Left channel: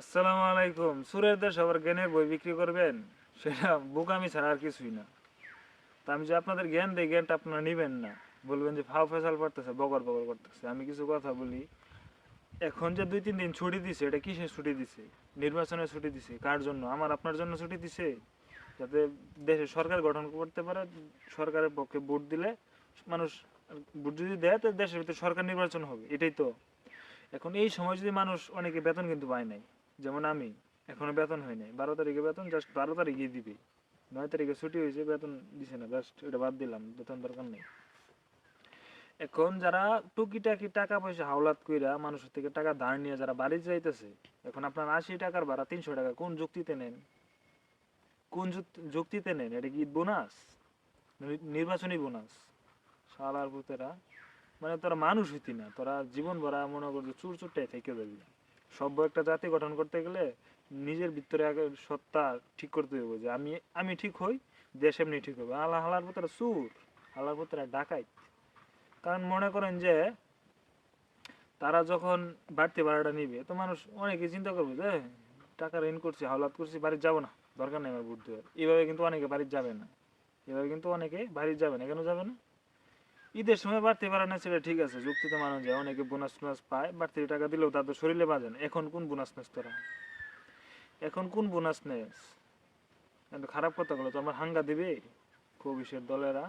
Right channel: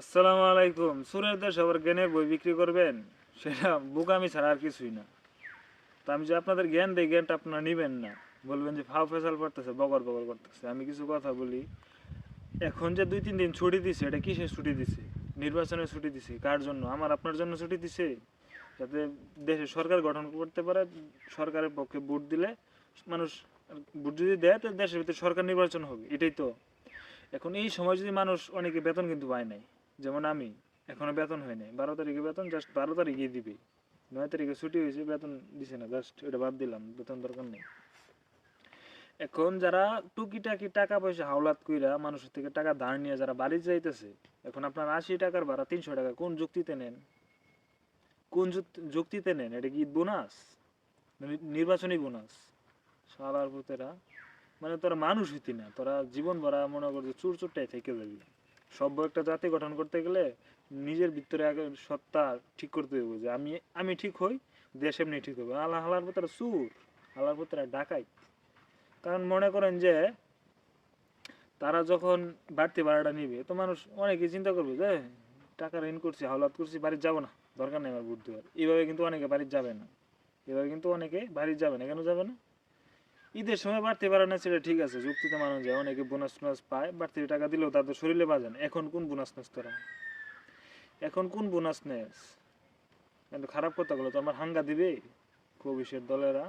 আসসালামু আলাইকুম। সুরের দেশ আবার জ্ঞানের বই বিক্রি করবেন, সেটা বোকামি ছাড়া আর কিছুই না। তা আমি যে আপনাদের জ্ঞান দেই, জ্ঞানটা আপনারা নিবেন না, বলবেন যে ফাও ফেসাল করতেছে, বকর বকর করতেছে। আমি কিছু কথা বলি। এখন যে 2-3 দিন ছুটি দিছে, এটা কিসের ছুটি দিছে? নির্বাচনের ছুটি দিছে। কার জন্য? আমার আপনার জন্য ছুটি দিছে, যাতে দেশে সরকার গঠন করতে পারে। সরকারের পক্ষে ভোট দিলে মানুষ, ভোট যদি দেয় তো দেশের ভিতরে সরকার নির্বাচন হবে, এটাই তো। এখন এই সময় যদি মানুষ, অনেকে বেতন কিন্তু পায় নাই, যেমন আমি এখনো বেতন হয় নাই। 12 তারিখে বেতন, জাস্ট 12 তারিখে দিবি। 9 তারিখে ছুটি হয়েছে, বেতন দিছে না, জাস্ট এটা বাদ দিলাম, বেতন দরকার নেই। এখন যারা টুকিটাকি টাকা পয়সা হাওলাত কইরা মানুষের থেকে টাকা ধার নিয়ে যারা বাড়ি যাইতেছে, এখন আপনার 80 টাকার ভাড়া 300 টাকা কোন যুক্তিতে নেন? কোন যুক্তিতে নেন? এটা কি বোনাস? নির্বাচনী বোনাস? শালার পুতেরা, মানে তোরা মানুষ হইতি না, তোরা জীবন ভরা মনে করছে চুর চুরটাই থেকে যাবি। সভ্য একটা জাতি গঠন করতে গেলে নিজের ভিতরে আগে সত্তা ঠিক করতে হবে, যে আমি আমি ঠিক হই, দেশ এমনি ঠিক হবে। আল্লাহ হালার পুত্রা চুর, আল্লাহর পুত্রা ডাকাই। কারণ মনে করেন যে তারা যখন বাড়তি ভাড়াটা নিবে, তো মানুষ অনেকে চিন্তা করবে যে টাকা ঋণ করছি, হাওলাত করছি, বাড়ি যাবো না, দরকার নেই আমার ভোট দেওয়ার। এইভাবে কিন্তু অনেকে বাড়ি যাবে না। এভাবে কিন্তু অনেকে বাড়ি যাবে না। কেন যাবে না? ঈদের সময় বাড়তি ভাড়া না, সেটা ঠিক আছে, যুক্তিতে মানা যায়। অনেকে বোনাস টোনাস পায়, বাড়তি টাকা দিলেও তাদের শরীরে বাজে না। এখন কোন বোনাস নেস তোরা? এখন কোন বোনাস নেস? কিন্তু খারাপ কথাগুলো তো আমার হাঙ্গা দিবে কবিশের দলেরা।